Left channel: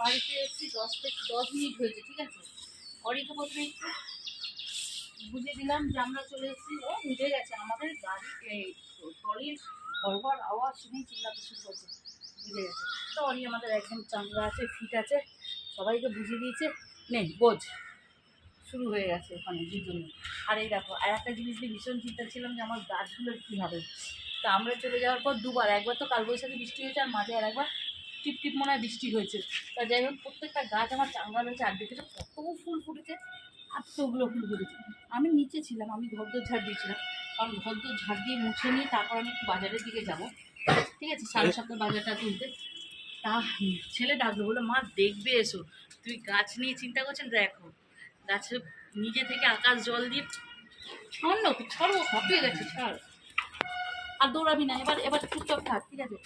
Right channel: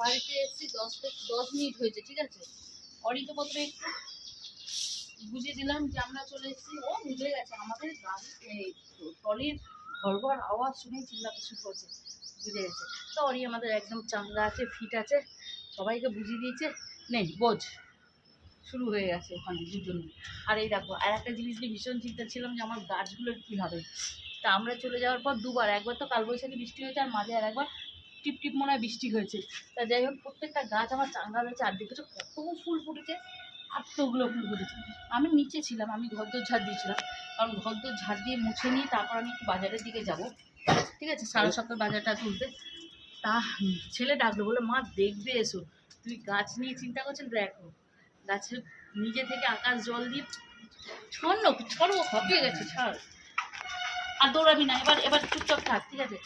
বাড়িতে এসেছি 10 মিনিট হয়েছে, ঠিক আছে। অরি তো প্রথমে একটু বুঝিয়ে দিলাম যে আমরা চলে এসেছি, ও বুঝে গেছে। আমাদের গাড়ি ট্রলির ঘর আওয়াজ শুনেই চিল্লাতে শুরু করছে, বুঝে গেছে। তো অরি আমাদের একদম চাঙ্গা আছে, ফিট আছে, সবাইকে বুঝিয়ে দিয়েছে। নেই বোঝ, শুরু হয়ে গেছে ওখানে দুজনে। আর এই দেখো, আর একটা জিনিস নিয়ে ভীষণ চিন্তা ছিলাম যে আমার গাছগুলোর কী হবে। তা আমরা চলে যাওয়ার পর দুবার, একবার তো কালবৈশাখী বৃষ্টি হয়েছে, আর মাঝে আর একবার টিপ টিপ মনে হয় বৃষ্টি হয়েছে। তা যাই হোক, প্রত্যেকটা গাছ আমার চাঙ্গা হয়েছে। আর দেখেছো কত ফুল ফুটেছে, এতগুলো ফুল ফুটেছে। আমি নিচে ছিলাম, আমি ঘরদোর ঝাড় দিয়েছিলাম, কারণ ঘরদোর ঝাড় দিয়ে মুছে নিয়ে তারপর আমি একটু বাজারের দিকে যাব, ঠিক আছে, 7:30 বাজারটা তুলতে। তা ছেলে ডাকলো, বলে মা দেখবে এসো। তুই গাছ নিয়ে চিন্তা করছেন, দেখো গাছে নিজে থেকে আকাশ জল দিয়ে ছড়ো ছড়ো হাঁপিয়ে গেছে, ছাড় আর দৌড়াবি না। এবার এবার চুপচাপ থাক, ঠিক আছে।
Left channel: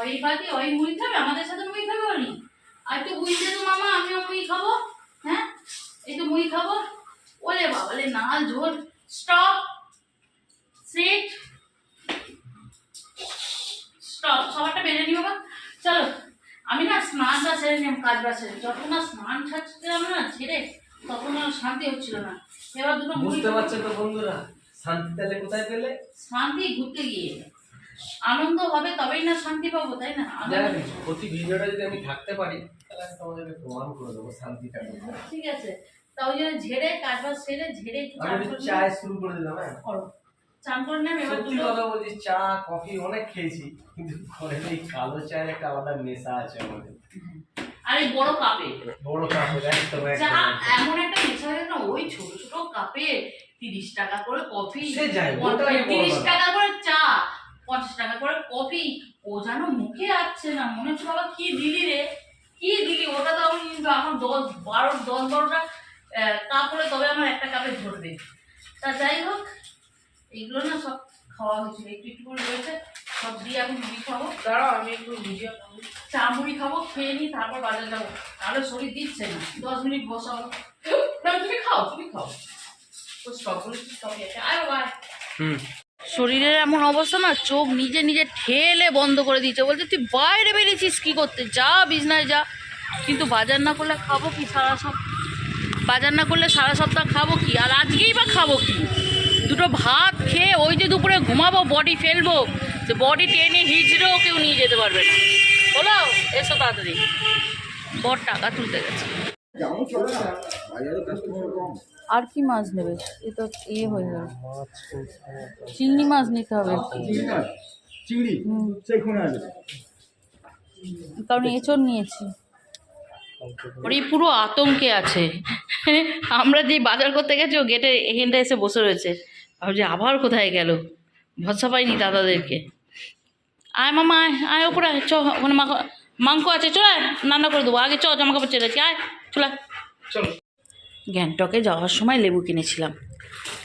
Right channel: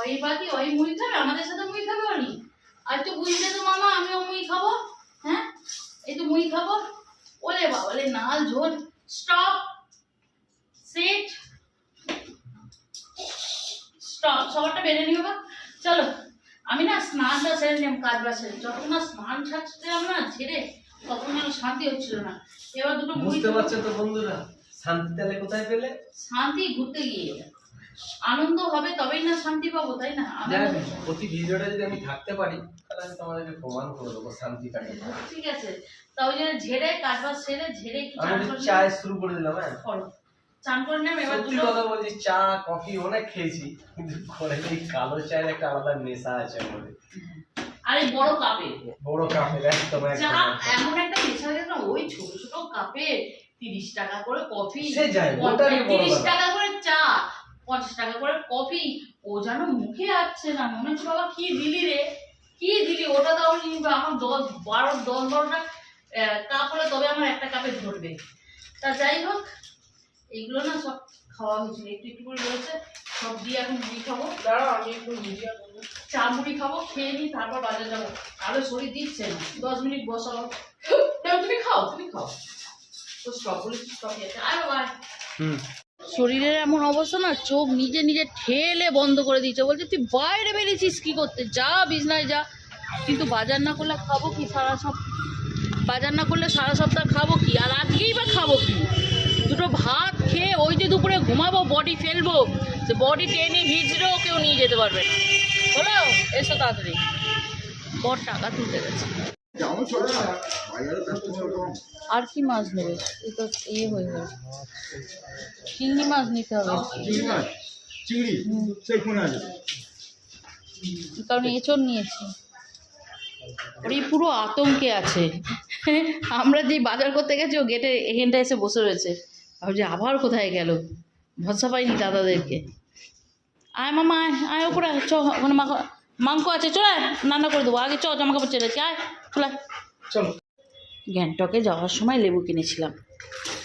ওই বাকি ওই মুড়ি খাবে, আমাদের সাথে মুড়ি খাবে ওনি। আর তো বুঝলে তো মামা, আমিও মুড়ি খাবো। হ্যাঁ, এই তো মুড়ি খাবো। ওলে বাবালে নাল ঝোল। Stop, seat, stop. সবারটা বেড়ে নিও বা। চলো, আমি না স্নানটা সেরে নিলাম, কাজ বাসে। যখন না স্নান ছাড়ছিলাম না ছেড়ে, তখন আর শান্তি হচ্ছিল না। এবার দুটো বুঝতে পারছেন তো বন্ধুরা, শান্তি তাহলে কোথায় পেলে? শান্তি ঘুরতে গিয়ে। আনন্দ হবে তবেই না শান্তি পাবো, তাই না? প্রতি ভিডিওটা যদি আমি থাকতে পারি, তাহলে আমি তোমাদেরকে প্রমাণ করে দেবো শান্তিটা। ঠিক আছে, তা ওই জন্য ঝেড়ে কাজ বাজ সেরে ঝেড়ে আমি চায় শুরু করে দিলাম। হ্যাঁ, করো, চান করে নেব। এবার সত্যি কথা বলছি, চা কফি অনেক খেয়েছি, কিন্তু ঘরে এই কালো চায়ের একটা আলাদা নেশা আছে আমাদের। আর এই বড় কাপে, বড় কাপে একদম চা এমন একটা নেশা না, ওই ছোট ছোট কাপে 30 টাকা করে কফি, সে যায় 30 টাকা করে চা, 50 টাকা করে কফি। ও যেন মুখে আসছে না, মনে হচ্ছে বাবা কি দিলি রে, কি দিলি। ওটা দাও নি, আমার 10-12টা কাপ হলে তবে আমার একটা কাপে ধরবে। তা যাই হোক, এগুলো না সব খাওয়া হয়েছিল, একটু একটু করে রয়েছে, সব দিয়ে এখন মুড়ি খাবো। দাঁড়াও, আমি একটু চা মুড়ি খাবো, খেয়ে নিই, তারপর বাজারে যাবো। তাহলে শরীর দিচ্ছে না, 10 মিনিট বসাবো। তুমি খাও, তুমি খাও। ও স্টপগুলো স্টপে আছে, আয় বাবা। শরীরের এমন অবস্থা না, চোখ নিজে নিজে ঠেলে বন্ধ করে দিয়েছে। বলছে তুই বাইরে বেরিয়েছিস কি করতে, যা বিছনায় যা। কিন্তু বাজার না করলে খাবো কি সারা সপ্তাহ? বাজার না করলে সারা সপ্তাহ খাবো কি? আর আজকেই বা খাবো কি? দুটো ভাত খেয়ে ওই যে দুপুরে ঘুমাবো, বডি ফেলবো, যে বডি টেনে হিজড়েও কেউ নিয়ে যেতে পারবে না। হলো, এসো তাড়াতাড়ি, বড় টাকা তুলতে গেছে। আর কি মাছ নেবে? এ তো ইয়ে হয়ে গেল, চিংড়ি মাছ নিতে হবে। চিংড়ি সেইখানে আছে, কারণ এঁচড় নিয়েছি। ওর পুরো আতঙ্কে আছে। আমরা যে বাজার করতে গেছি, ও গেটে এখানটা এসে বসে রয়েছে, ভাবছি আবার কোথায় গেল, ভরসা পাইনি দাদাদেরকে। আয় মামা, আয় আয় ওপরে আয়, চ ওখানে মাংস আছে, চল আয়, রান্না করে দেবো। আগে চ, জামা কাপড় চেয়ে আয়, চল চলো। গ্যাংটকে যাওয়ার সময় লেবু কিনেছিলাম,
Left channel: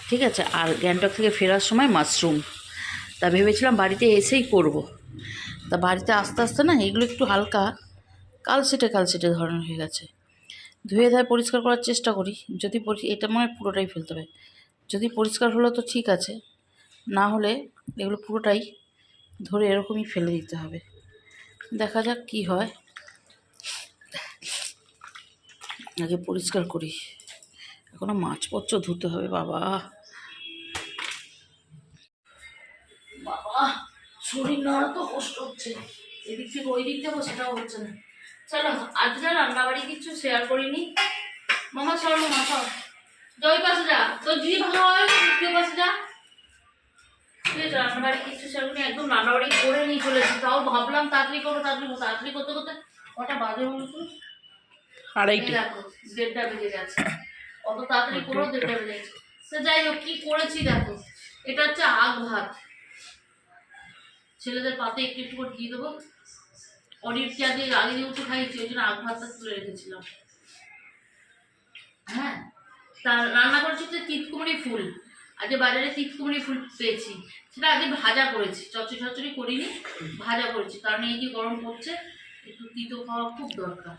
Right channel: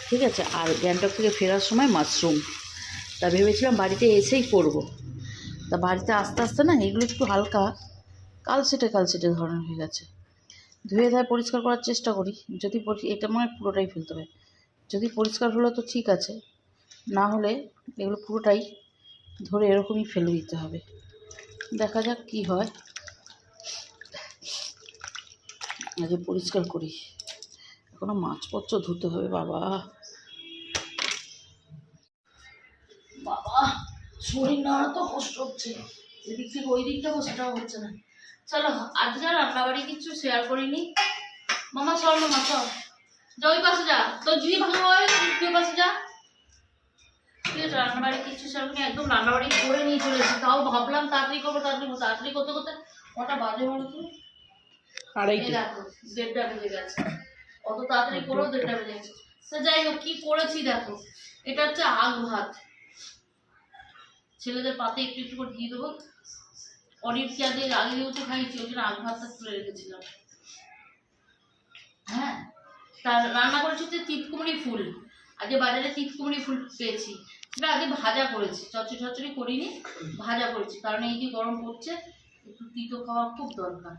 ঠিক আছে, আর গ্যাংটক থেকে ফেরার সময় মাশরুম। তা ভেবেছিলাম বাড়িতে এসেই করব। তা বাড়িতে আস্তে আস্তে না এগুলো একটু হালকা কালসেটে ধরনের হয়ে গেছে। ধুয়ে ধায় পরিষ্কার করার চেষ্টা করি, যদি এটা মনে হয় পুরোটাই ফেলতে হবে। যদি পরিষ্কার হলো তো ঠিক আছে, না হলে এগুলো পুরোটাই ধরে এরকমই ফেলে দিতে হবে। দেখা যাক কি হয়, আগে পরিষ্কার করি। এখনো মাছপত্র ধুতে হবে। বাবা বাবা, শরীর নাড়া তো কষ্ট হচ্ছে, এদিক থেকে ওই দিক যাবো সেটাও হচ্ছে না। চলো, আজকে রান্নাবাড়ি কিছু শেয়ার করিনি। মামা সর, মামা সর, যা ওই পাশে যা, তোর যদি ভালো হয় তুই পাশে যা। ঠিক আছে, রান্নাবাড়ি কিছু শেয়ার করিনি, একদম রান্নাবাড়ি করে নিয়ে চলেছি। তাও ভাবলাম তাড়াতাড়ি করবো, তাড়াতাড়ি করতে করতে কটা বাজে বলতো, 2:30। দেখো 1:30 বেজে গেছে। অত তাড়াতাড়ি করেও 1:30 বেজে গেছে। তো যাই হোক, কি করেছি দেখো, এটা হচ্ছে আগ ভাত। ছেলেদের পাতে একটু একটু করে দিয়ে দেবো। অনেক আগে যেহেতু খাইছি, ওই জন্য আগ ভাতটা তুলে রেখেছিলাম। হ্যাঁ, তা রান্না করেছি হচ্ছে তিতকুমড়ি ফুল। আজকে বাজারে তিতকুমড়ি ফুল পেয়েছি, সেটা আজকে ভাজা করেছি, চচ্চড়ি করিনি, ভাজা করেছি। কারণ এই যে গরম পড়ছে, একটু তিতো খাওয়া খুব দরকার।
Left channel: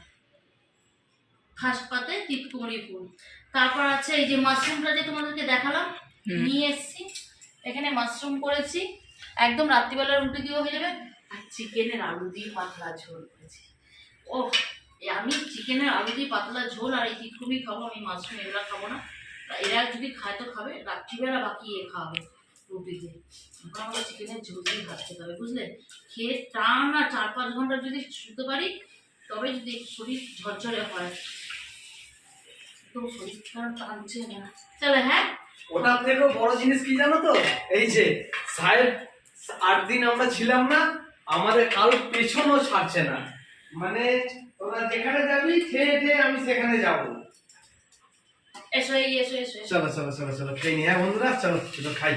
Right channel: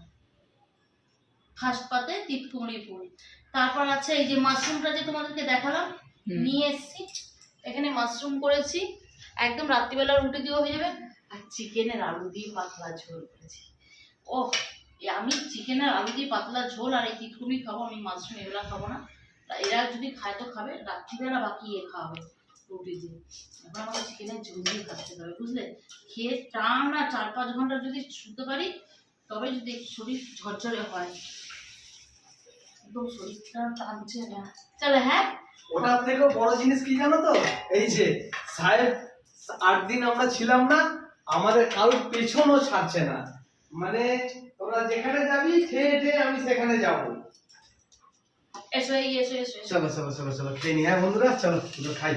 ঘাস পাতে তিতকুমড়ি ফুল। তারপর আছে এই যে মাশরুমটা যে তোমাদেরকে দেখালাম, নিয়ে এসছি। এখানে মাশরুম করেছি, একদম রাত্রিবেলা রুটি দিয়েও হয়ে যাবে। আর চিকেনের আলু দিয়ে পাতলা ঝোল করেছি। ও আমি চিকেনের আলু দিয়ে পাতলা ঝোল আর এই তিতকুমি খাবো, আমি মাশরুম এগুলো খাবো না। এরা যদি খায় তো খাবে, রাত্রিবেলা বাকি খাওয়াবে রুটি দিয়ে। এখন আমাকে চিকেনের ঝোল দিয়ে ভাত খেতে হবে, বুঝলে? খেয়ে টানা 4-5 ঘন্টা যদি শুতে পারি তবে যদি শরীর ঝরঝরে হয়। একদম শরীরটা টানছে না। চলে হ্যাঁ, ওটার থেকেও বড় জিনিস কি জানো তো, এই যে সাহেব 8 দিন আমরা ছিলাম না, আমাদের কারোর পেছনও ছাড়ছে না। মানে তোরা যেখানে যাবি খেয়ে খেয়ে আমি সেখানে যাব। এসো এই এসো এসো এসো। চলো চলো চলো চলো খেয়ে নি, হ্যাঁ বন্ধুরা, চলো খাই।